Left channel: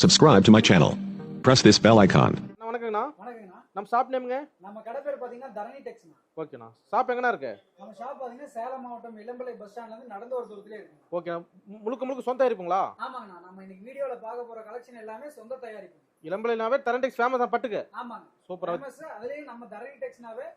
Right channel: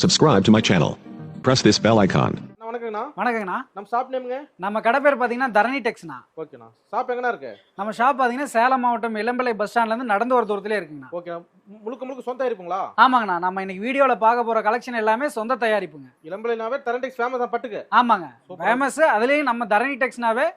Subscribe to my channel. Press this bell icon. அண்ணா வணக்கங்கண்ணா. வணக்கங்கண்ணா. நம்ம shop நேமுங்க நம்ம கடை பேர் பார்த்தீங்கன்னா தரணி டெக்ஸ்ண்ணா. ஓகேண்ணா. ஷாப் எங்கண்ணா இருக்கு? நம்ம ஷாப் பார்த்தீங்கன்னா சேலம் மாவட்டம் இளம்பிள்ளை பஸ் ஸ்டாண்ட்லேருந்து நடந்து வர தூரத்திலே இருக்குங்கண்ணா. ஓகே முழுக்க முழுக்க சொந்த இருப்புங்களா ஆமாங்கண்ணா. நம்ம இன்னைக்கு வீடியோவில் பார்க்க போகிற கலெக்ஷன் எல்லாமே சொந்த தயாரிப்புங்க. இளம்பிள்ளைனாவே தரண்டெக்ஸ் ஃபேமஸ் தான் பட்டுக்கு. ஆமாங்க. ஃபேமஸ் அதுலேயும் நம்ம தரணி டெக்ஸ்னாவே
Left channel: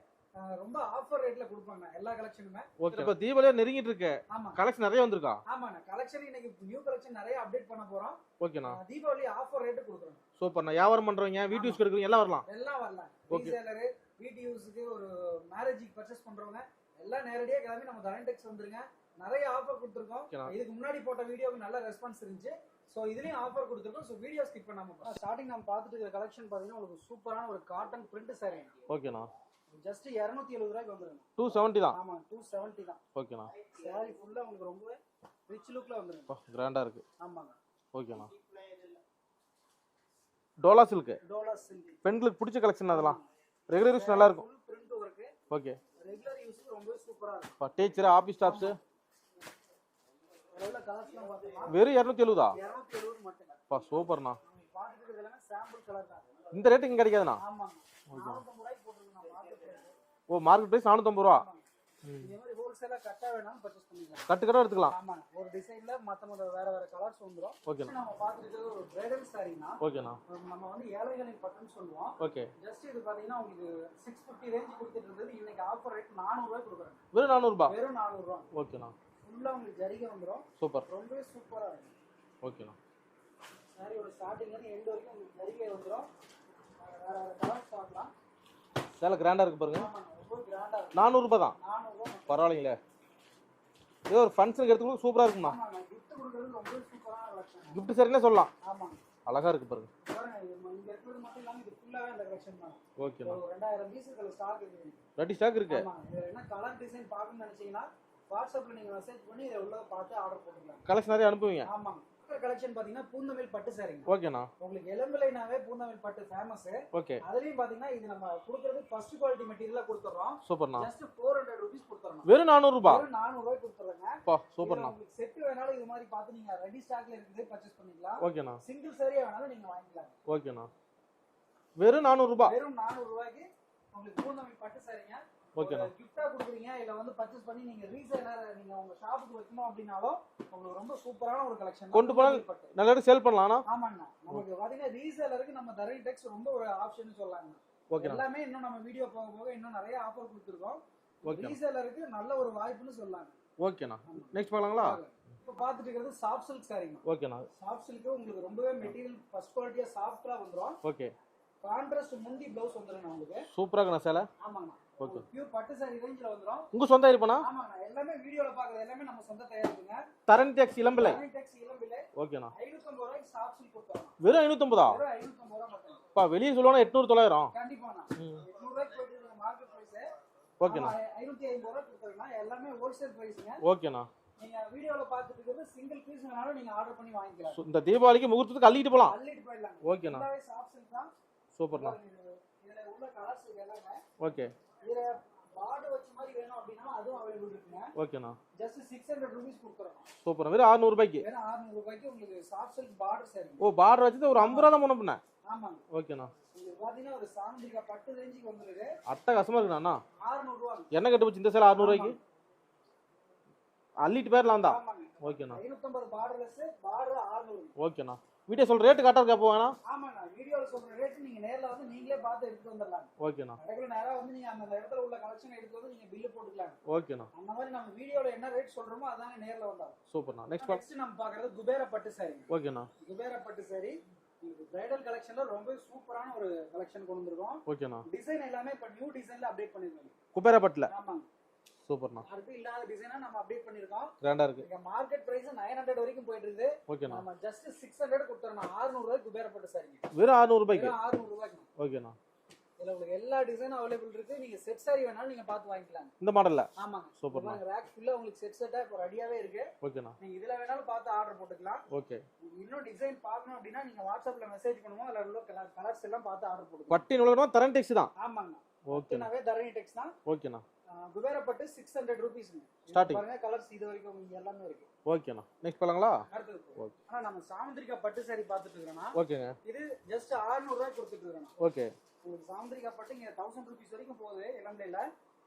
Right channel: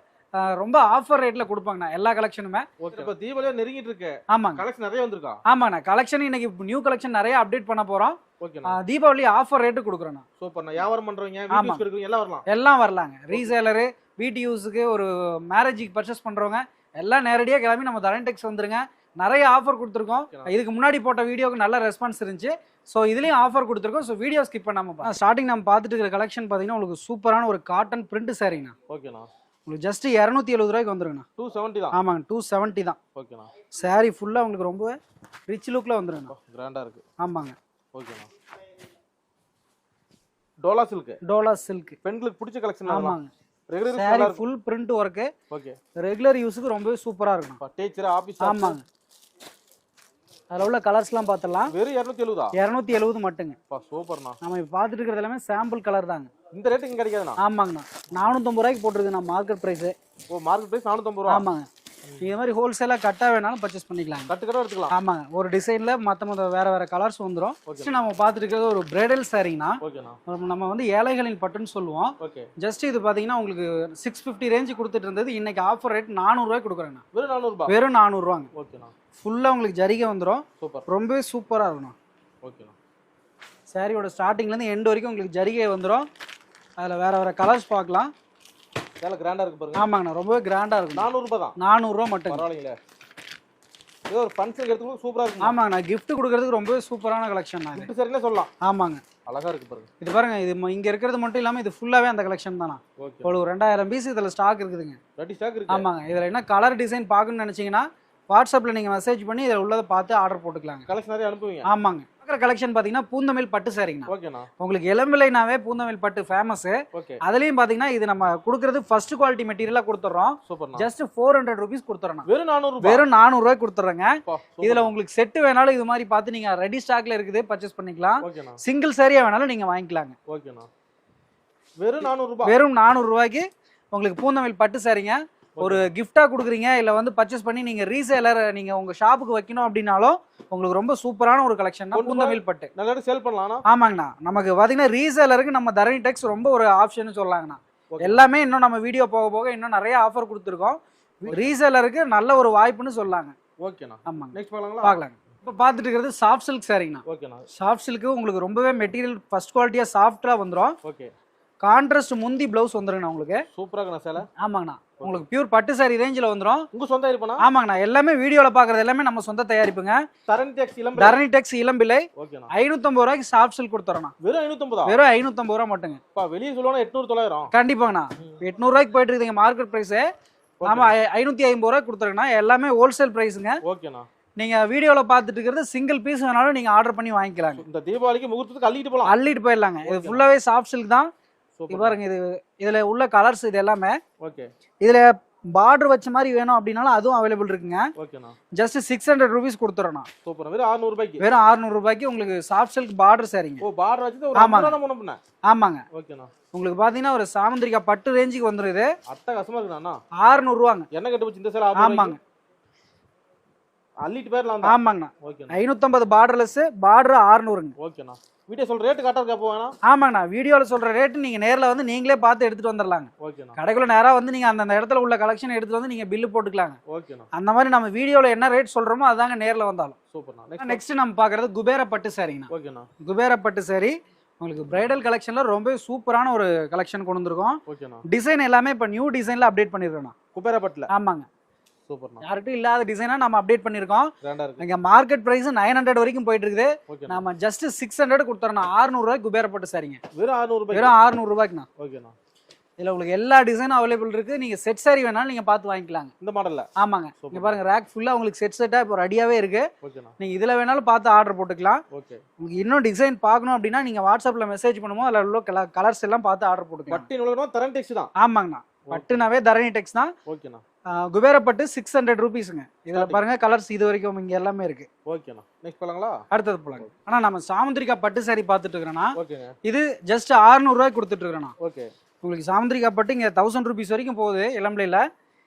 ரொம்ப ஆஃபர் ரேட்டில் கொடுப்பாங்கண்ணா எல்லா கலெக்ஷனுமே ஓகே இப்போ தீபாவளியா நெருங்கிட்டு இருக்கு. ஆமாங்க. கலெக்ஷன் நிறைய வந்திருக்கா? ஆமாண்ணா கலெக்ஷன் இன்னைக்கு நியூ கலெக்ஷன் நிறைய அப்டேட் பண்ண போகிறோம் ஓகேண்ணா தீபாவளி ஆஃபர் ரேட்டு கொடுக்குறோண்ணா. சூப்பர்ண்ணா வியாபாரம் பண்றவங்க ஆமா. வீடியோஸ் எடுக்கிறவங்க எல்லாம் வரலாம்? எல்லாம் வரலாங்க. ரீசேலரு வீட்டு யூஸுக்கு ஒரு மேரேஜுக்கு பர்ச்சேஸ் பண்ணுறவங்க எல்லாம் நேரடியாக கிளம்பி நம்ம தரணி டெக்ஸ் வந்துருங்க. நிறைய ஆஃபர் கொடுத்துருக்கோம். இதுக்கு முன்னாடி போட்ட வீடியோக்கு நல்ல ரெஸ்பான்ஸ் இருந்துச்சு. ஸோ இதுலேயும் ஆஃபர் கொடுத்துருக்கோம். ஸோ வீடியோ ஸ்கிப் பண்ணாமல் ஸ்டார்டிங் நம்ம பார்த்துட்டு இருக்கிற கலெக்ஷன் பார்த்தீங்கன்னா உங்களுக்கு சூப்பரான ஒரு காட்டன் பிரிண்ட் சாரீங்கண்ணா ஓகேண்ணா உங்களுக்கு ஜஸ்ட் இரநூத்தி எழுபது ரூபாய்க்கு வந்துருங்கண்ணா. டூ செவன்ட்டி தான். ஆமாங்க டூ செவன்ட்டி தான். ஓகேண்ணா. Saree ஃபுல்லாக உங்களுக்கு ரொம்ப ரிச் லுக்கில் வந்துருங்கண்ணா. கிராண்டா இருக்கு. ஆமாங்க. ஓகேண்ணா. டோலா சில்க் டோலா சில்க் பெண்களுக்கு பிடிச்ச கலெக்ஷன் அதெல்லாம். ஆமாங்க. ரெகுலர் நல்லா saree இருக்கும். Full print work okay. Regular யூஸுக்கு ரொம்பவே சூப்பராக இருக்கும். டீச்சர் ஆபீஸ் ஆமாங்க. அதில் உள்ள கலர்ஸ்லாம் பார்த்துடலாம் வெறும் இரநூத்தி எழுபதா இரநூத்தி எழுபது மட்டுங்க. சூப்பர்ண்ணா. நம்ம இப்போ பார்த்துட்டு இருக்கிறது எல்லாமே சாம்பிள் கலர் தாங்க. இந்த ரேட்டுக்கு கிடைக்காதுண்ணா? ஆமாங்கண்ணா. நானூற்றம்பது ரூபாய்க்கு போட்டிருக்கு நான் மார்க்கெட் ப்ரைஸு ஓ மார்க்கெட் பிரைஸ் நானூத்தம்பது ரூபா? ஆமாங்க. இது மாதிரி ஹோல்சேலாக கட்டாக வேணாலும் பர்ச்சேஸ் பண்ணிக்கலாங்க கட்டு கட்ட எடுத்துக்கலாம். ஆமாங்க. ஒரு டிசைனில் மற்ற மற்ற வேறு வேறு கலர்ஸ் வந்துடும். ஃபஸ்ட்டு நம்ம பார்த்துட்டு இருக்கிறது ஒரு பிரைடல் ஓகேண்ணா நம்ம வந்து ஏழைகளின் பட்டுன்னு சொல்லுவோம். ஓகே ஜஸ்ட் இது பார்த்தீங்கன்னா உங்களுக்கு சிக்ஸ் ஃபிஃப்டி ரேஞ்சு கொடுத்துட்டு இருந்தது. இன்னைக்கு ஆஃபர் ரேட் நானூறுரூவாய்க்கு கொடுக்குறேண்ணா வெறும் நானூறுபா? வெறும் நானூறுரூவாங்க ஓகேண்ணா ஃபுல்லாக உங்களுக்கு ஜரிகை வந்துடும் சூப்பர் ரொம்பவே சூப்பராக இருக்கணும். ஓகேண்ணா சாரியோட ஸ்டார்டிங்லேருந்து எண்ட் வரைக்கும் உங்களுக்கு ஜரிகை வந்துடும் அதில் வேறு வேறு கலர்ஸ் பார்க்கலாம். சேலை கிராண்டா இருக்கு பாருங்க. ஆமாங்கண்ணா ரொம்பவே கிராண்டாக இருக்கும் நானூறுபா தான். நானூறுரூவா மட்டும். பரவாயில்லைங்களே. ஏதோ ஒரு ஃபங்க்ஷனுக்கு எடுத்துக்கணும் சூப்பரா இருக்கும்? ஆமாங்கண்ணா gift கொடுக்கறதுக்கு ரொம்பவே சூப்பரான கலெக்ஷன் தான். கிஃப்ட் சரினே சொல்லலாம். ஆமாங்க. அழகா இருக்கு பாருங்க. இது பாருங்க இது இங்க இருக்கிறது மட்டும் இல்லாம இது ஃபுல்லாவே அந்த கலெக்ஷன் தானா ஓகே. ஒரு ரெண்டாயிரம் பீஸ் இதுல ஸ்டாக் இருக்குதுங்க. ரெடி ஸ்டாக் இருக்கு. ஆமாங்க இதுல என்ன கலர் டிசைன் பார்க்கணும்னு நினைச்சீங்கன்னா வாட்ஸ்அப்ல நீங்க மெசேஜ் பண்ணி இதில் உள்ளதை பார்த்து ஆர்டர் போட்டுக்கலாங்க. கலெக்ஷன் நிறைய அனுப்புவீங்க. ஆமாங்க. இருக்கிற கலெக்ஷன் பாத்தீங்கன்னா பூந்தமிழ் பட்டு ஓகேண்ணா உங்களுக்கு இளம்பிள்ளைனாவே பூந்தமிழ் பட்டு ஃபேமஸ் ஓகே அதுலயும் பாத்தீங்கன்னா இது நம்ம கொடுக்கறது ஃபர்ஸ்ட் குவாலிட்டி மெட்டீரியலா கொடுத்துறோம். சூப்பர்ண்ணா ஜஸ்ட் ஃபோர் ஹண்ட்ரட் ருபீஸ் கொடுத்துறோம் வெறும் நானூறுபா வெறும் நானூறுரூவாய் கொடுத்துட்றேங்க பா இதுல உங்களுக்கு செட்டு வேணாலும் இது மாதிரி பார்த்து நீங்க ரெடி ஸ்டாக்ல இருக்குது பர்ச்சேஸ் பண்ணிக்கலாம். சிங்கிள் சாரியா வேணாலும் நீங்க வாங்கிக்கலாங்க. ஓகேண்ணா வெறும் நானூறுபா வெறும் நானூறு ரூபாய்க்கு உங்களுக்கு பூந்தமிழ் பட்டு சாரிங்க ஒரு கிஃப்டா கொடுக்குறீங்க இல்ல வந்து பர்ச்சேஸ் பண்ணி நீங்க ரீசேலர் நீங்க உங்க ஷாப்புக்கு வைக்கணும் அப்படின்னாலும் உங்களுக்கு ரொம்ப சூப்பரான ஒரு கலெக்ஷன் தான் கொண்டு பூந்தமிழ் பட்டு. நல்லா சேல் பண்ணலாம்ண்ணா ஆமாங்கண்ணா. நமக்கு பாத்தீங்கன்னா ரீசேலருக்கு நம்ம தரணி டெக்ஸ் ரொம்ப ஒரு ஆப்ஷன் சொல்லலாங்கண்ணா எல்லாமே இன்னும் நம்ம வீடியோ போக போக இன்னும் நிறைய ஆஃபர் கொடுத்துருக்கோம். ரீசேலருக்கு நல்ல ஒரு வாய்ப்புன்னு சொல்லலாங்க ஓகேண்ணா. ஆமாங்க. நெக்ஸ்ட் பார்க்கலாங்களா? பார்க்கலாங்க. இப்போ பார்த்துட்டு இருக்கிறது சாஃப்ட் சில்க் சாரிங்கண்ணா ஓகேண்ணா. சாஃப்ட் சில்க்கு உங்களுக்கு ரொம்பவே மெட்டீரியல் ஃபர்ஸ்ட் குவாலிட்டியாக சாஃப்டாக வந்துடும் ஓகே. கான்ட்ராஸ்ட் முந்தி ப்ளவுஸ் வந்துருங்கண்ணா உங்களுக்கு. சூப்பரா இருக்குண்ணா சேலை. ஆமாங்கண்ணா. உங்களுக்கு பியூர் பட்டு சாரி ரேஞ்சில் வந்துடும் உங்க சொந்த இருப்பாண்ணா ஆமாங்கண்ணா. எல்லாமே வீடியோவில் பார்க்குறது எல்லாமே நம்ம சொந்த தயாரிப்புங்க. தரணி டேக்ஸ் இளம்பரம் தரணி டெக்ஸ் இளம்பிள்ளை ஓகேண்ணா ஐநூற்றம்பது ரூபாய்க்கு சாஃப்ட் சில்க் கொடுத்துறோண்ணா. வெறும் ஐநூத்தம்பதா? வெறும் ஐநூற்றம்பது ரூபா மட்டுங்க. வெளியே சொல்லுவாங்க எட்நூறு தொள்ளாயிரம் கண்டிப்பாங்கண்ணா எட்நூறுவாய்க்கு போயிட்டு இருக்குதுங்க மார்க்கெட் ப்ரைஸு ஆமாம் ஐநூற்றி ஐம்பது ரூபாய்க்கு கொடுத்துருங்கண்ணா எல்லாமே ஹோல்சேல் ப்ரைஸுங்க ஓகேண்ணா நீங்கள் வீடியோவில் பார்த்துட்டு இருக்கிறது சிங்கிள் பீஸ் வேணாலும் நீங்கள் ஆர்டர் பண்ணி வாங்கிக்கலாங்க. இந்த தீபாவளிக்கு முகூர்த்தத்துக்கு அள்ளிட்டு போலாம். அள்ளிட்டு போயிடலாங்க. இது Okay. ஃபுல்லாகவே சாஃப்ட் சில்க் தான். சூப்பர் பாருங்க இது இதில் உள்ள கலர்ஸ் இது எல்லாமே. ஓகே. இதில் பார்டர் வச்ச மாதிரி வேணும் அப்படின்னாலும் அதுவும் அவைலபிள் இருக்குங்க. ஓகேண்ணா. ஜஸ்ட் சிக்ஸ் ஹண்ட்ரட் ருபீஸ் கொடுத்துறோண்ணா. சூப்பர் வெறும் 600 ரூபாய்க்கு வெறும் 600 ரூபாய்க்கு உங்களுக்கு சாஃப்ட் சில்க் பார்டர் சாரிங்க. ஓ பார்டர் வச்சு ஒரு. ஐம்பது ரூபா முன்ன பின்ன. ஆமாங்க. ஓகேண்ணா. உங்களுக்கு பார்த்தீங்கன்னா ஒரு சாமந்திரிக்கா பட்டு ரேஞ்சுக்கு வந்துரும் இது. கசமா இருக்குண்ணா 600 ரூபாங்க என்ன கட்டு போச்சு இந்த சேலை 600 ஆமாங்க. அள்ளிட்டு தான் ஆமாங்கண்ணா. ஓகேண்ணா. ஐநூற்றம்பது பார்டர்லெஸ் பார்டர் 600ங்க ஓகேண்ணா. வீடியோ சொல்ற ரேட்டு கரெக்டாக இருக்க போவேண்ணா ஆமாங்கண்ணா வீடியோவில் சொல்கிற ரேட்டு நீங்கள் நேரில் வந்து நீங்களே பார்த்து எடுத்துகிட்டு வந்துடலாங்க ஓகேண்ணா. கடைக்குள்ள நேராக வந்து நீங்கள் அந்த இடத்துல உள்ள கலெக்ஷன் எடுத்துகிட்டு வந்து நீங்கள் பில்லு போட்டுக்கலாங்க. ஓகேண்ணா. அந்த மாதிரி நம்ம வீடியோவில் என்ன ரேட் சொல்கிறோமோ அதாங்க நேரில் வந்தாலும். சூப்பர்ண்ணா. நெக்ஸ்ட் நம்ம பார்க்குறது குபேர பட்டு சாரிங்கண்ணா. ஓகேண்ணா. குபேர பட்டு சாரி உங்களுக்கு பிரைடல் கலெக்ஷனில் ரொம்ப சூப்பரான ஒரு கலெக்ஷன் கொண்டு வந்திருக்கோம். ஓகேண்ணா. டிசைன் எல்லாமே இப்போ நியூ டிசைனில் அப்டேட் பண்ணியிருக்கோம் குபேரப்பட்டில்? ஆமாங்க. சூப்பர்ண்ணா யார்கிட்டும் இல்லாத டிசைனாக நம்ம அப்டேட் இருக்கு. இங்கே மார்க்கெட் ப்ரைஸ் நைன் ஹண்ட்ரட் வரைக்கும் போயிட்டு இருக்குது. நம்ம ஜஸ்ட் சிக்ஸ் ஹண்ட்ரட் கொடுத்துறோம் அறுநூறுவாய்க்கு குபேர பட்டு சாரிங்க வெறும் 600 ரூபாய்க்கு? வெறும் அறுநூறுபாய்க்குண்ணா ஓகேண்ணா இதில் உங்களுக்கு எல்லா டிசைனும் அவைலபிள் இருக்குது நீங்கள் செட் சாரி வேணாலும் நீங்கள் பார்த்து வாங்கிக்கலாங்க. இந்த மாடல்ல ஆமாங்க. Super. இங்க பாருங்க ரேக் ஃபுல்லாக உங்களுக்கு செட் செட்டாக இப்போ ரெடியாகவே இருக்கு. நீங்கள் இதில் வேணாலும் பார்த்து ஆர்டர் போட்டுக்கலாம். ஓகே உங்களுக்கு இன்னும் டிசைன் பார்க்கணும் அப்படின்னா நீங்கள் வாட்ஸ்அப்பில் மெசேஜ் பண்ணும்போது அதில் உள்ள கலர்ஸ் எல்லாம் பார்த்து ஆர்டர் போட்டுக்கலாம். பட்டி நுழைக்கணும் தரன் டெக்ஸ் தான். ஆமாங்கண்ணா. பட்டுனாவே தரணி டெக்ஸ் தான். ஓகேண்ணா குபேரப்பட்டு சிக்ஸ் ஹண்ட்ரட் ருபீஸுங்க இதில். பாருங்க கலர்ஸ் இது வரைக்கும் இங்க எல்லாமே இருக்கு. ஓகேண்ணா நெக்ஸ்ட் போலாங்களா? அடுத்தது போலாம் ஆனா நம்ம சாமுந்திரிக்கா பட்டு saree பார்த்துட்டு இருக்கிறோன்னா ஓகேங்க இது ஜஸ்ட் 600 ரூபாய்க்கு கொடுத்துட்டு இருக்கிறோண்ணா ஓகே உங்களுக்கு சாமுந்திரிக்கா பட்டு இங்க தௌசண்ட் ருபீஸ் வரைக்கும் போகுது இளம்பிள்ளையில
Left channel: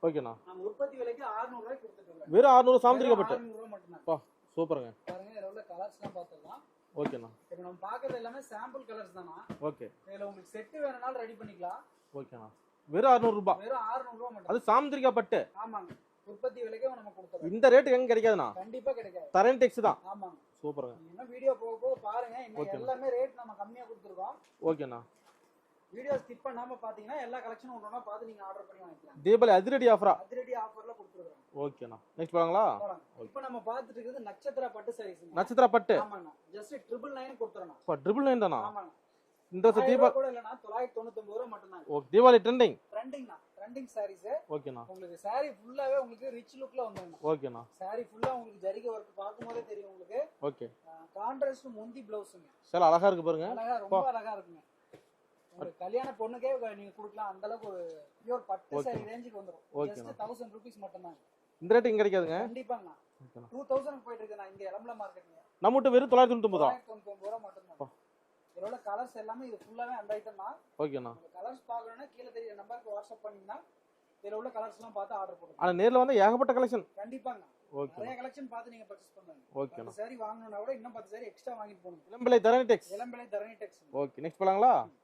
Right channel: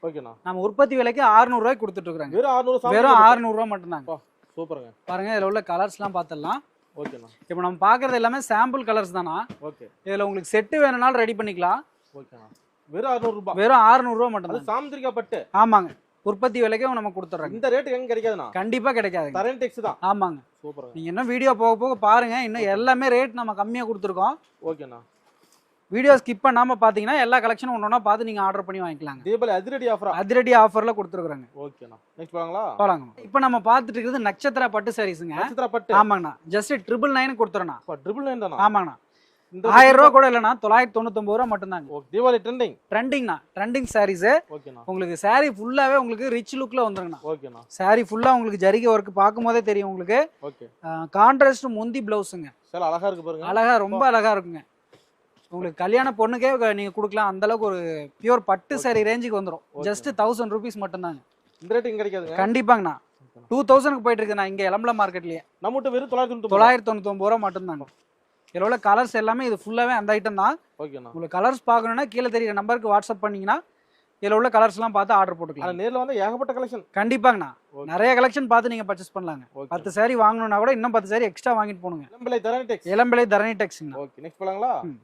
ஓகேண்ணா நம்ம உற்பத்தி விலைக்கு 600 ரூபாய்க்கு கொடுத்துட்டு இருக்கிறாங்க. வெறும் அறுநூறு வெறும் சாமி 600 ரூபா மட்டும்தாங்க சூப்பருங்க. பாருங்க இதுல உள்ள கலர்ஸ்லாம் பார்த்துடலாம் ஓகேண்ணா இப்போ நம்ம பார்க்கறது எல்லாமே சாம்பிள் கலர்ஸ் தானா? ஓகே இதுல உங்களுக்கு செட்டு வேணும்னாலும் ரெடி பண்ணிக்கலாம். ஓகேண்ணா வெறும் அறுநூறு ரூபாய் வெறும் 600 ரூபா அது மட்டும் சாமுந்திரிக்கா பட்டு ஆமாங்க. உற்பத்தி விலைக்கு நம்ம கொடுத்துட்றோம் இந்த ரேட்டுக்கு எங்க கிடைக்காதுண்ணா? கண்டிப்பா கிடைக்காது தரேன் டெக்ஸ் தான். ஆமாங்க. சூப்பருங்க நீங்க இன்னும் வீடியோ போக போக பாருங்க. இன்னும். எல்லாமே ரேட் நம்ம கம்மியா கொடுத்துருக்கோம். ஓகேண்ணா. வீடியோ ஸ்கிப் பண்ணாம பாத்தீங்கன்னா எல்லா கலெக்ஷனும் ஒன்றா பார்த்து நீங்க ஆர்டர் பண்ணி வாங்கிக்கலாங்க. தீபாவளி அதிரடி ஆஃபரா அதிரடி ஆஃபர்ல கொடுத்துருக்காங்க ஓகேண்ணா. நெக்ஸ்ட் போலாங்களா? போலாங்க. இப்போ நம்ம பார்த்துட்டு இருக்கிறது நட்சத்திர பட்டு சாரீஸுங்க நட்சத்திர பட்டு ஆமாங்கண்ணா. ஜஸ்ட் ட்ரிபிள் நைன் கொடுத்துறோண்ணா. ட்ரிபிள் நைன் தானா? ஆமாங்கண்ணா. இந்த ஆயிரம் ரூபா கூட இல்லைண்ணா தொள்ளாயிரத்தி தொண்ணூத்தொம்பது ரூபா மட்டும்தாங்க. ஓகே தீபாவளி ட்ரெண்டிங் ட்ரெண்டிங்ண்ணா ட்ரெண்டிங் சாரீஸ் ஓகேண்ணா. உங்களுக்கு saree ஃபுல்லாவே உங்களுக்கு ரிச் லுக்ல வந்துருங்கண்ணா. ஓகேண்ணா. Saree ஃபுல்லா உங்களுக்கு ஜரிகை ஒர்க் பார்க்கும் போதே தெரியும் உங்களுக்கு. ஓகே. கான்ட்ராஸ்ட் முந்தி பிளவுஸுங்க சில அழகா இருக்கு பாருங்க. அழகா ரொம்ப அழகா இருக்குங்க. உங்களுக்கு கல்யாண பொண்ணுக்கே நீங்க கொடுக்கலாம். அந்த அளவுக்கு ஒரு பியூர் பட்டு saree ரேஞ்சுக்கு வந்துரும். Okay. ஜஸ்ட் தௌசண்ட் ருபீஸ் மட்டும்தாங்க. இந்த ரேட்டு இங்க கிடைக்காதுங்க. கண்டிப்பாங்கண்ணா. டூ தௌசண்ட்க்கு போயிட்டு இருக்குண்ணா இங்க எலம்பல மார்க்கெட்லயே நம்ம கிட்ட வெறும் தொள்ளாயிரத்தி தொண்ணூத்தி தொள்ளாயிரத்தி தொண்ணூத்தொம்பது ரூபா மட்டும்தாங்க. இதில் உள்ள கலர்ஸ் எல்லாமே இது ஃபுல்லாவே அந்த ஐட்டம் தான். ஓகேண்ணா உங்களுக்கு கலர்ஸ் பார்க்கணும்னா கீழே தெரியுற நம்பருக்கு வாட்ஸ்அப் பண்ணீங்கன்னா இதில் உள்ள கலர்ஸ்லாம் பார்த்து ஆர்டர் போட்டுக்கலாம். நேர்ல வந்து ஏகப்பட்ட கலெக்ஷன் கண்டிப்பாங்கண்ணா. நிறைய கலெக்ஷன் பார்த்து நீங்க பர்ச்சேஸ் பண்ணலாங்க. பத்து saree வாங்கணும்னா கூட இன்னும் பத்து saree எக்ஸ்ட்ரா வாங்கிட்டு போகணுங்க. இளம்பிள்ளை தரணி டெக்ஸ் இளம்பிள்ளை தரணி டெக்ஸ்ங்க ஓகே நெக்ஸ்ட் போலாங்களா? ம்.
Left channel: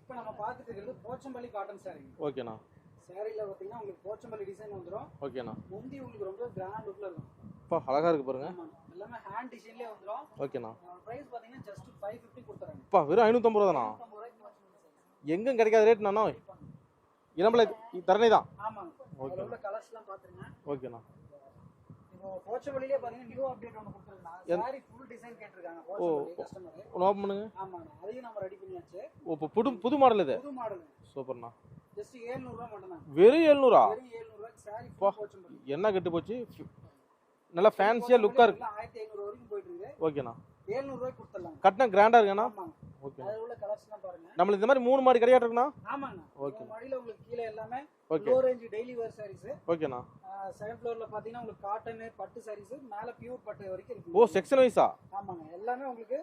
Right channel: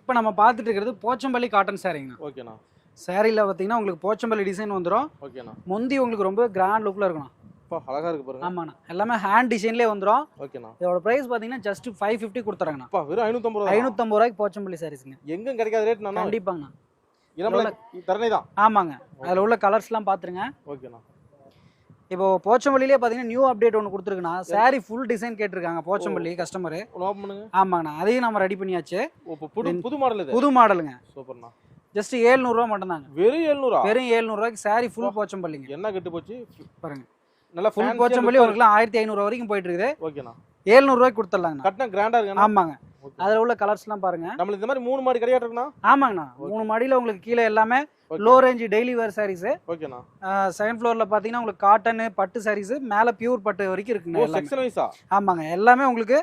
இப்போ நம்ம பார்த்துட்டு இருக்கிறது போச்சம்பள்ளி காட்டன் சாரீங்கண்ணா ஓகேண்ணா சாரியில் பார்த்தீங்கன்னா உங்களுக்கு போச்சம்பள்ளி டிசைன் வந்துடும் ஓகேண்ணா முந்தி உங்களுக்கு ரொம்ப கிராண்ட் லுக்கில் இருக்கணும் அப்பா அழகா இருக்கு பாருங்க. ஆமாண்ணா. எல்லாமே ஹேண்ட் டிசைன்லேயே வந்துடும் ஓகேண்ணா. இதோட ப்ரைஸ் பார்த்தீங்கன்னா ஜஸ்ட் ஃபைவ் ஃபிஃப்டி கொடுத்துறாங்கண்ணா. அப்பா வெறும் ஐநூத்தம்பது ரூபா ஐநூற்றம்பது ரூபாய்க்கு போச்சம்பள்ளி சாரீஸ்ங்க எங்கும் கிடைக்காத ரேட் நானா கண்டிப்பாங்கண்ணா. இளம்பிள்ளை தரணி தான். ஆமாங்க. அதில் உள்ள கலர்ஸ்லாம் பார்த்துருங்க ஓகேண்ணா. இப்போ போச்சம்பள்ளிலே பார்த்தீங்கன்னா நியூ அப்டேட் ஒன்று கொடுத்துருக்குண்ணா. சாரி ஃபுல் டிசைன் கேட்டிருக்காங்க போச்சம்பள்ளி கஸ்டமர் ஆமாங்கண்ணா. அதையும் நம்ம ரெடி பண்ணியாச்சு. புது புது மாடல் இது? புது மாடலுங்க சூப்பர்ண்ணா. ஜஸ்ட் ஏழ்நூறுவா மட்டும்தாங்க. வெறும் எழுநூறா வெறும் ஏழ்நூறுவாய்க்கு சாரி ஃபுல் போச்சம்பள்ளிங்க. என்ன கெட்டு போச்சு? பாருங்க. நல்லா ஃபேன்சியா லுக்கா ஆயிரத்தி ஐநூறு வரைக்கும் போயிட்டு இருக்குது ஓகேண்ணா ஏழ்நூறுவாய்க்கு கொடுத்துடலாங்கண்ணா. கட்டினா கிராண்டா இருக்குண்ணா ஆமாங்க. அதில் உள்ள கலர்ஸ்லாம் பாருங்க. நம்மளுக்கு இந்த மாதிரி மூணு மாடி கிடையாது இருக்குண்ணா? ஆமாங்கண்ணா. மூணு மாடியில் உங்களுக்கு கீழே எல்லாமே low range daily wear sarees ஓகேண்ணா செகண்ட் ஃப்ளோரில் பார்த்தீங்கன்னா உங்களுக்கு காட்டன் பட்டு சாரீஸ் மேலே பியூர் பட்டு வரைக்கும் ஓ இருக்குங்க எல்லாமே. செக்ஷன் வைஸா ஆமாங்க. எல்லாமே உங்களுக்கு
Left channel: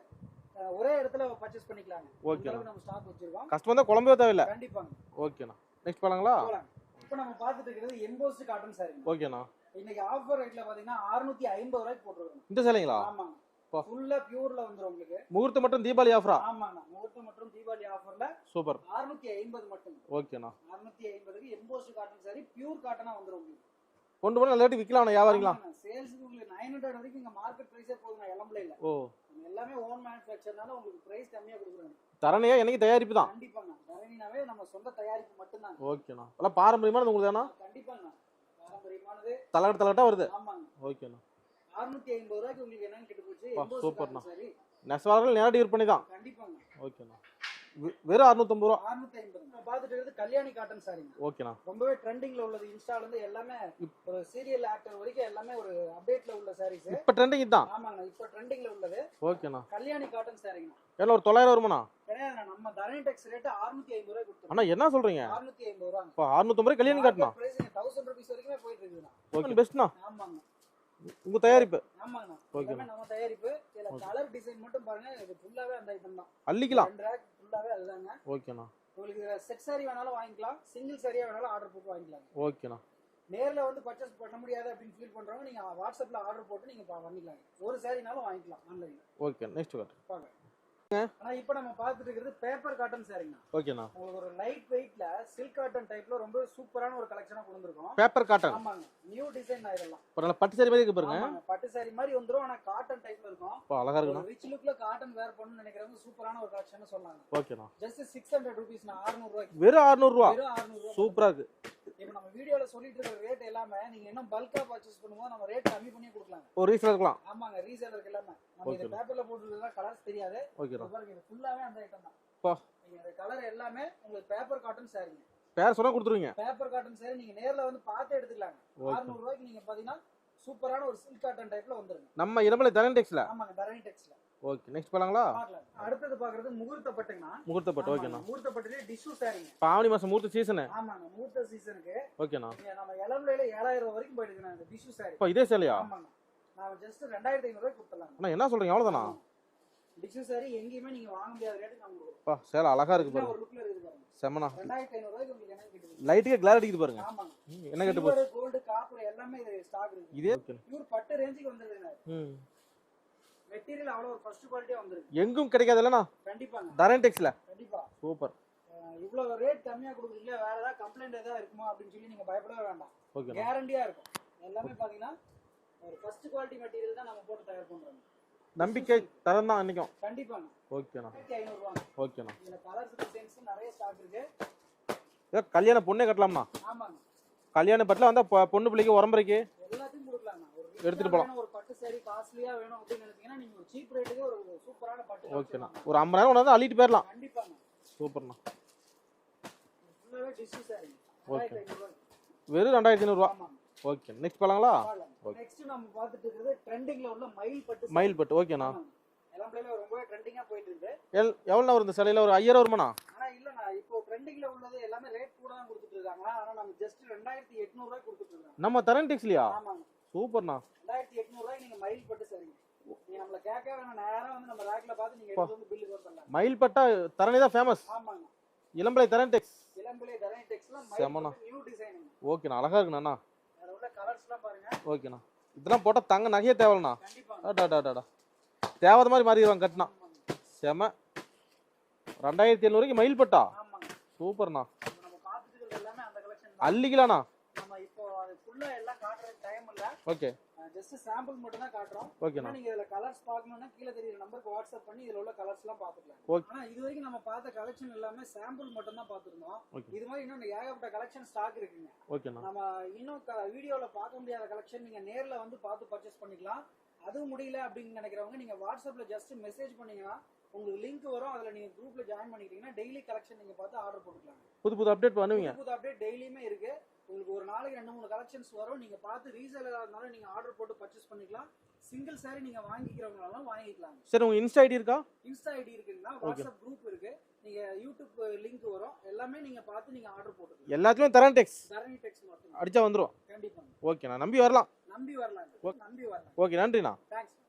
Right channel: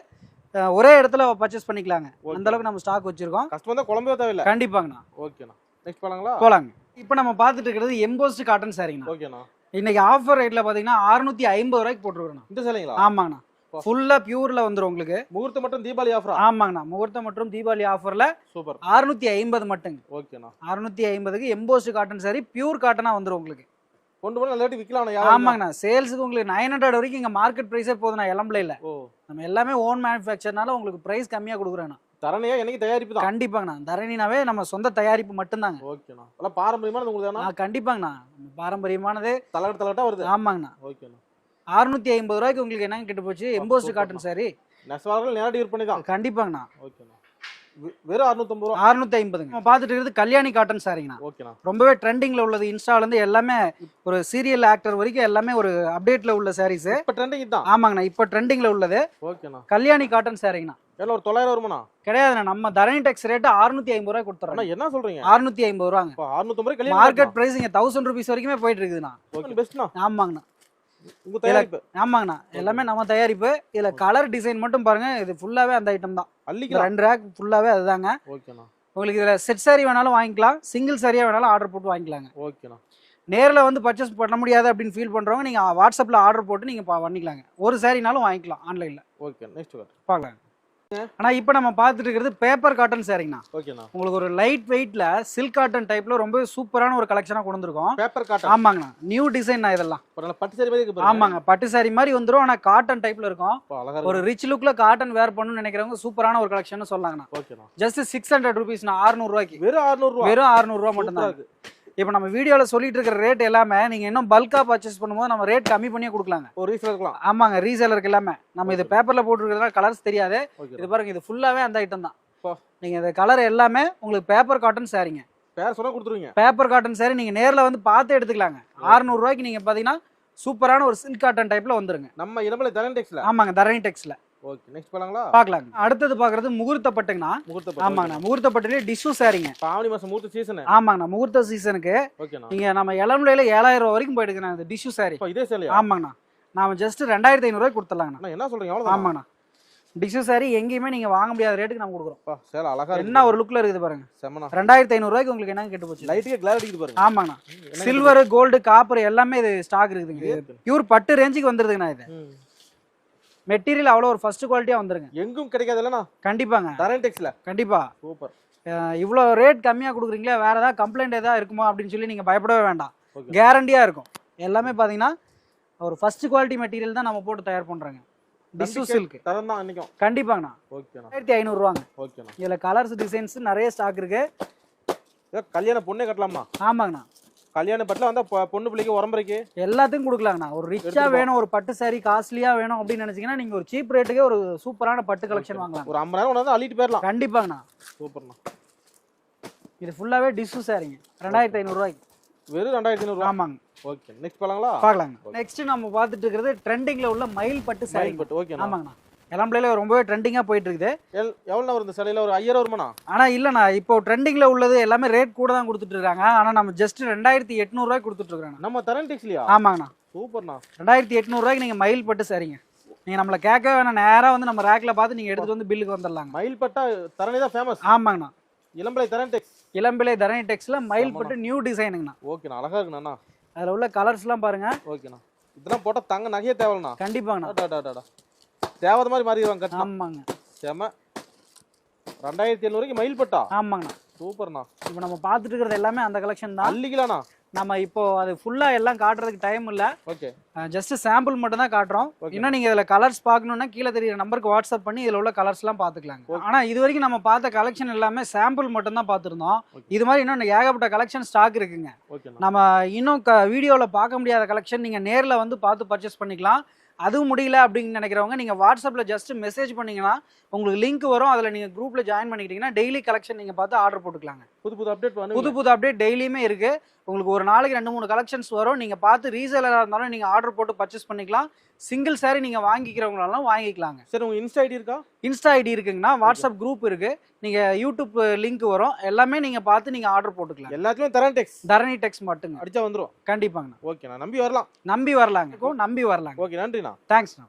ஒரே இடத்துல பர்ச்சேஸ் பண்ணிக்கலாங்க. அந்த அளவுக்கு நம்ம ஸ்டாக் வச்சிருக்கோம். கஷ்டம் தான் குழம்பவே தேவையில்ல. கண்டிப்பாங்கண்ணா. ஓகேண்ணா நெக்ஸ்ட் போலாங்களா? போலாங்க. இப்போ நம்ம பார்த்துட்டு இருக்கிறது எம்போஸ்ட் காட்டன் சாரிங்கண்ணா ஓகேண்ணா இன்னைக்கு ஆஃபர் ரேட்ல பாத்தீங்கன்னா அறுநூத்தி ஐம்பது ரூபாய்க்கு போட்டுருக்கோம் இந்த சேலைங்களா? ஆமாங்கண்ணா. ஃபுல்லா பியூர்ல வந்துரும் உங்களுக்கு. முகூர்த்தம் மட்டும் தீபாவளி ஆஃபரா ஆமாங்கண்ணா. முகூர்த்தம் மற்றும் தீபாவளி ஆஃபர்ல சூப்பர். அறுநூத்தி ஐம்பது மட்டுங்க. ஓகேண்ணா. அறுநூத்தி ஐம்பதுக்கு எம்போஸ்ட் காட்டன் சாரி பியூர் காட்டனா வந்துரும் உங்களுக்கு. கொண்டு போய் நல்ல ரேட்டு விற்கலாம் ஆமாங்கண்ணா. சேல்ஸுக்கு உங்களுக்கு நைன் ஹண்ட்ரட் வரைக்கும் இங்க மார்க்கெட் ப்ரைஸே போதுண்ணா இளம்பிள்ளையில ஓ. நம்ம எல்லாமே ஓன் மேனுஃபேக்சர்னால உங்களுக்கு பிரைஸ் கம்மியா கொடுக்குறேண்ணா. தரணையா எனக்கு தயாரிப்பு தான்? கண்டிப்பாங்கண்ணா. தரணினாவே நம்ம சொந்த தயாரிப்பு மட்டும்தாங்க. ஓகேண்ணா. எல்லாம் பாரம்பரியமானது உங்களுக்கு தானா கண்டிப்பாங்கண்ணா. பாரம்பரியமானது தலகட்ட தலகட்டா வருது? ஆமாங்கண்ணா. ஓகேண்ணா. அறுநூத்தி ஐம்பது ரூபாய்க்கு உங்களுக்கு என்ன கிட்ட போச்சு சூப்பர்ண்ணா. காட்டன் சாரி நெசவாளர்கள் நேரடி விற்பனை தான்? கண்டிப்பாங்கண்ணா. ஓகேண்ணா. வெறும் அறுநூத்தம்பது ரூபா. அறுநூத்தி ஐம்பதுங்க. நம்ம பார்த்துட்டு இருக்கிறது கல்யாணி காட்டன் சாரிங்கண்ணா. ஓகேண்ணா ரொம்பவே ட்ரெண்டிங்ல உள்ளது. இன்ஸ்டால இருந்து எல்லாமே ஒரு சீரியல் ஆக்டர் வரைக்கும் எல்லாமே ஒரு அப்டேட்ல உள்ள சாரீஸ் இப்ப ட்ரெண்டிங் தான் ஆமாங்கண்ணா இப்போ ட்ரெண்டிங்ல உள்ளது. ஓகேண்ணா கல்யாணி காட்டன் சாரிங்கண்ணா. எல்லாம் ஒரு தொள்ளாயிரம் வருமாண்ணா? கிடையாதுண்ணா நம்ம தரணி டெக்ஸ் ரேட்டு அறுநூத்தி ஐம்பது ரூபாய் கொடுத்துறோம். என்ன சொல்றீங்க? அறுநூத்தி ஐம்பது ரூபாங்க. அறுநூத்தம்பது ரூபாய் மார்க்கெட் பிரைஸ் இங்க தௌசண்ட் ருபீஸ் வரைக்குமே போயிட்டு இருக்குதுண்ணா. பெஸ்ட்ண்ணா ஆமாங்கண்ணா. உங்க தயாரிப்பு? ஆமாங்கண்ணா. எல்லாமே நம்ம தயாரிப்பு. இதுல கலர் டிசைன் மட்டும் பாருங்க. இது ஃபுல்லாவே அந்த ஐட்டம் தான். அள்ளிக்கலாம். ரெண்டு ரேக் ஃபுல்லாவே அதுதாங்க. ஓகேண்ணா. உங்களுக்கு இதுல செட் சாரி வேணாலும் வாங்கிக்கலாம். சிங்கிள் சாரியா வேணாலும் ஆர்டர் போட்டு வாங்கிக்கலாங்க. ஓகேண்ணா. நேர்ல வந்து பர்ச்சேஸ் பண்ண முடியாது அப்படின்னு ஃபீல் பண்றவங்க நீங்க வாட்ஸ்அப்ல ஆர்டர் போட்டு நீங்க பா- பண்ணிக்கலாங்க. ஒரு சாரினாலும் வாங்கிக்கலாம் ஆன்லைன்ல ஓகே நெக்ஸ்ட் பார்க்கலாம் ஆனா இப்போ நம்ம பார்த்துட்டு இருக்கிறது பேப்பர் காட்டன் சாரிங்கண்ணா ஓகேண்ணா. உங்களுக்கு ஒரு லைட் வெயிட்ல சில்க் காட்டன் டைப்ல ரொம்ப சூப்பரான ஒரு கலெக்ஷனா கொண்டு வந்திருக்கோம் பேப்பர் காட்டன் ஆமாங்கண்ணா. நியூ டிசைன் இதெல்லாம். பட்டு சாரி மாதிரி ஆமாங்க. பட்டு சாரி மாதிரி வந்துரும். ஆனா காட்டன் டைப்ல இருக்கும். ஒரு ரிச் லுக்ல காட்டன் வேர் பண்ணணும்னு நினைக்கிறவங்க சூப்பரான ஒரு கலெக்ஷன் சொல்லாங்கண்ணா. ஓகேண்ணா. ஜஸ்ட் சிக்ஸ் ஹண்ட்ரட் ருபீஸ்ண்ணா அறுநூறு ரூபாய்க்கு. வெறும் அறுநூறு ரூபா? வெறும் அறுநூறு ரூபா மட்டும் சூப்பரா இருக்கு. இப்போ நம்ம வீடியோல சொல்லிட்டு இருக்கிற ரேட் எல்லாமே நீங்க இன்னும் பல்கா பர்ச்சேஸ் பண்ணும்போது நம்ம ரேட் கம்மி பண்ணியே கொடுக்கலாங்க. ஒரு ரீசன் இருக்கலாம் ஆமாங்க ரீசேலருக்கு எல்லாமே. நம்ம இது. பேப்பர்ல போட்டுருக்கிறதுனால கலர்ஸ் தெரியாது. இது பாருங்க இது ஃபுல்லாவே அந்த ஐட்டம் தான். பா. நீங்க இந்த கலர் எல்லாமே உங்களுக்கு பேப்பர் காட்டன் சாரிங்க பேர் சொன்னா கொடுத்துருவீங்க. பேப்பர் காட்டன் சாரி நீங்க நேர்ல வந்து பார்த்து எடுத்துக்கலாங்க. அறுநூறு ரூபாய்க்கு நீங்க பாத்தீங்கன்னா சூப்பரான ஒரு சில்க் காட்டன் டைப்ல வந்துருங்க. நம்ம இடமலை தரன் டெக்ஸ்ல ஆமாங்க தரணி டெக்ஸ்ல ஓகே நெக்ஸ்ட் போலாங்களா பார்க்கலாங்க அடுத்தது பார்க்கறது முகூர்த்த பட்டுங்கண்ணா. முகூர்த்த பட்டு ஆமாங்கண்ணா முகூர்த்த பட்டுலேயே டிஷ்யூ சாரிங்க. ஆவணி மாசம் முகூர்த்த சீசனு ஆமாங்கண்ணா முகூர்த்த சீசனுக்கு ஓகேண்ணா. நீங்க நம்ம இளமுலையில ஏழாயிரம் ரூபா வரைக்கும் போயிடுங்கண்ணா இந்த டிஷ்யூ சாரி. இதே சேலையா? ஆமாங்கண்ணா. நாம ஜஸ்ட் ரெண்டாயிரத்தி ஐநூறுரூவாய்க்கு கொடுத்துடலாங்கண்ணா. என்ன சொல்றீங்க? அவ்வளோதான் ஆமாங்கண்ணா. டிஷ்யூ சாரி எங்கேயுமே நீங்க வாங்க முடியாத ரேட்டுக்கு நம்ம கொடுக்குறோம். சேலை அழகா இருக்கு. என்ன ஒரு லுக்ல இருக்குது பாருங்க. செம்மண்ணா. ரெண்டாயிரத்தி ஐநூறுரூவாய்க்கு உங்களுக்கு என்ன கெட்டு போச்சு? லைட்டுக்கே கிளார் அடிக்குது பாருங்க. ஆமாங்கண்ணா. சில்வர் கோல்டு காப்பர் எல்லாமே இது ஸ்டாக் இருக்குதுங்க. இதே இது இருக்கு. பியூர் பட்டு ரேஞ்சுக்கு வந்துருதுங்கண்ணா இது. மெட்டீரியல் அவ்வளோ ஒரு ஃபர்ஸ்ட் குவாலிட்டியா வந்துருங்க. எங்கும் கிடைக்காது இல்லைண்ணா கண்டிப்பாங்க. தரேன் டெக்ஸ்ல கண்டிப்பா. சூப்பர். இவ்வளோ ரேட் கம்மியா கொடுக்குறீங்களா வேற ஏதாவது கம்ப்ளைண்ட் ஏதாவது இருக்குமா அப்படின்னு சொல்லி நீங்க பயப்படவே வேண்டாம். ஓகே. கேரண்டியா இருக்கும். எல்லாமே பாத்தீங்கன்னா ஒரு ஃபர்ஸ்ட் குவாலிட்டி மெட்டீரியல் தான் நம்ம போட்டு தயார் சில்க் தரம் தான் கண்டிப்பாங்கண்ணா. ஓகேண்ணா. ஆயிரத்தி ஐநூறுரூவாங்க ஓகேண்ணா. இதுல கலர்ஸ் டிசைன்ஸ் நிறைய ஸ்டாக் இருக்கு. ஏதோ கல்யாண பொண்ணே கட்டலாமா? ஆமாங்கண்ணா. கல்யாண பட்டில் வந்தா பொண்ணு பிள்ளைக்கு உரம்பரைக்கு எல்லாத்துக்கும் கொடுக்கலாங்கண்ணா. ஒரு ரிச்சா. வேணும் ஒரு பட்டு saree காஸ்ட்லியா வேணும் அப்படின்னு நினைச்சீங்கன்னா நீங்க ஒரு சீப் ரேட்டுக்கே ஒரு சூப்பரான பட்டு கலெக்ஷன் வாங்கலாம். ஒரு ஐம்பதாயிரம் வந்து அள்ளிட்டு போயிடலாம் கண்டிப்பாங்கண்ணா. சூப்பர்ண்ணா. இது ஃபுல்லாவே டிஷ்யூ சாரிங்க ரெண்டாயிரத்தி ஐநூறுரூவாய்க்கு வெறும் ரெண்டாயிரத்தி ஐநூறுரூவா ஆமாங்க. ஓகே நெக்ஸ்ட் போலாங்களா? பார்க்கலாங்க. நெக்ஸ்ட் நம்ம பார்த்துட்டு இருக்கிறது ட்ரெண்டிங்ல உள்ள மயில் பட்டு மயில் பட்டு. ஓகேண்ணா ஆமாங்கண்ணா. இளம்பிள்ளையில ரொம்பவே ட்ரெண்டிங்கா போயிட்டு இருக்குது எல் எவ்வளோ வரும் இந்த சிலையில? ஒரு ஐயாயிரம் வருமாண்ணா? ஆனா இல்லண்ணா இப்போ ட்ரெண்டிங்ல உள்ளது எல்லாமே ரேட் கூட தான் கொடுத்துட்டு இருக்காங்க ஆனா நம்ம ஜஸ்ட் ரெண்டாயிரத்தி எட்நூறுவாய்க்கு கொடுத்துட்டு இருக்காங்க நம்ம தரேன் டெக்ஸ்லையா? ஆமாங்கண்ணா. சூப்பர்ண்ணா. ரெண்டாயிரத்தி எட்நூறுவாய்க்கு நீங்க மயில் பட்டு சரிங்க. நீங்க நம்மள கேட்க வேணாம். நேரா வந்து நம்ம ரேக்ல பார்த்து நீங்க எடுத்து வந்து பில்லுக்கு வந்துடலாங்க. மயில் பட்டா தரணி தான் ஃபேமஸ் ஆமாங்கண்ணா. இளம்பலை தரேன் டெக்ஸ். இளம்பிள்ளை தரணி டெக்ஸ்ல மயில். பட்டு நியூ டிசைனுங்கண்ணா ஓகேண்ணா அழகா இருக்குண்ணா அதுல உள்ள கலர்ஸ்லாம் பாருங்க. ஓகேண்ணா. இதெல்லாம் போட்டா தங்க நகையே தேவைண்ணா கண்டிப்பாங்கண்ணா. தேவாத மாதிரி மாறிடுவாங்க கட்டினா. ஆமாங்க. செம. ரெண்டாயிரத்தி எழுநூறுக்கு மயில் பட்டா. ஆமாங்கண்ணா சூப்பர்ண்ணா. இப்போ நம்ம பார்த்துட்டு இருக்கிறது எல்லாமே அந்த கலெக்ஷன் தான். அள்ளிக்கலாண்ணா. நம்ம இப்போ அது ஃபுல்லா எல்லாம் காட்டுறதுக்கு டைம் இல்ல. ஓகே. ஜஸ்ட் சாம்பிள் மட்டும் தான் காட்டுறோம். இன்னும் நீங்க இதுல கலர்ஸ் பார்க்கணும்னா கீழே தெரியுற நம்பருக்கு வாட்ஸ்அப் பண்ணி இதுல உள்ள கலர்ஸ் எல்லாம் பாத்துக்கலாங்க. ஆனா இது வரைக்கும் நம்ம பார்த்த கலெக்ஷன் எல்லாமே சாம்பிள் மட்டும் தான் பார்த்திருந்தோம். Okay. இது மாதிரி இன்னும் ஏகப்பட்ட கலெக்ஷன் ஸ்டாக் இருக்குங்க. நம்ம இன்னும் வீடியோல பார்க்க முடியாத கலெக்ஷன் நீங்க நேர்ல வந்து பார்த்து பர்ச்சேஸ் பண்ணிக்கலாம். அதுவும் முடியல அப்படின்னு நினைக்கிறவங்க நீங்க வாட்ஸ்அப்ல ஜஸ்ட் மெசேஜ் பண்ணீங்கன்னா உங்களுக்கு லிங்க் வரும். அதுல நீங்க குரூப்ல ஜாயின் பண்ணிக்கிட்டீங்கன்னா டெய்லி கலெக்ஷன் நீங்க பார்த்து ஆர்டர் போட்டுக்கலாங்க. புது புது அப்டேட் புது புது அப்டேட் டெய்லியுமே இருக்கு. உங்களுக்கு ஒரு நாளைக்கு ரெண்டு மூணு கலெக்ஷன்ஸ் வரும். நீங்க பார்த்து ரீசேலரா இருந்தாலும் நீங்க ஆர்டர் போட்டு பர்ச்சேஸ் பண்ணிக்கலாம். சிங்கிள் saree நீங்க வாங்கிக்கிறவங்களாலும் வாங்கிக்கலாங்க. சரி உங்க இன்ஸ்டா ஐடி இருக்கா? இன்ஸ்டா ஐடி இருக்குங்கன்னா வாட்ஸ்அப் குரூப் இருக்கு. நீங்க யூடியூப் லிங்க் வரும். எல்லாமே நீங்க பார்த்து நீங்க ஆர்டர் போட்டுக்கலாம். எல்லாத்துலயும் தரேன் டெக்ஸ் தரணி டெக்ஸ் மட்டுங்க. அடிச்சா வந்துரும். கண்டிப்பாங்க ஓகேண்ணா நம்பி வரலாம். நம்பி வரலாங்க. நம்பி வரலாங்க. ஓகே நன்றிண்ணா. தேங்க்ஸ்ண்ணா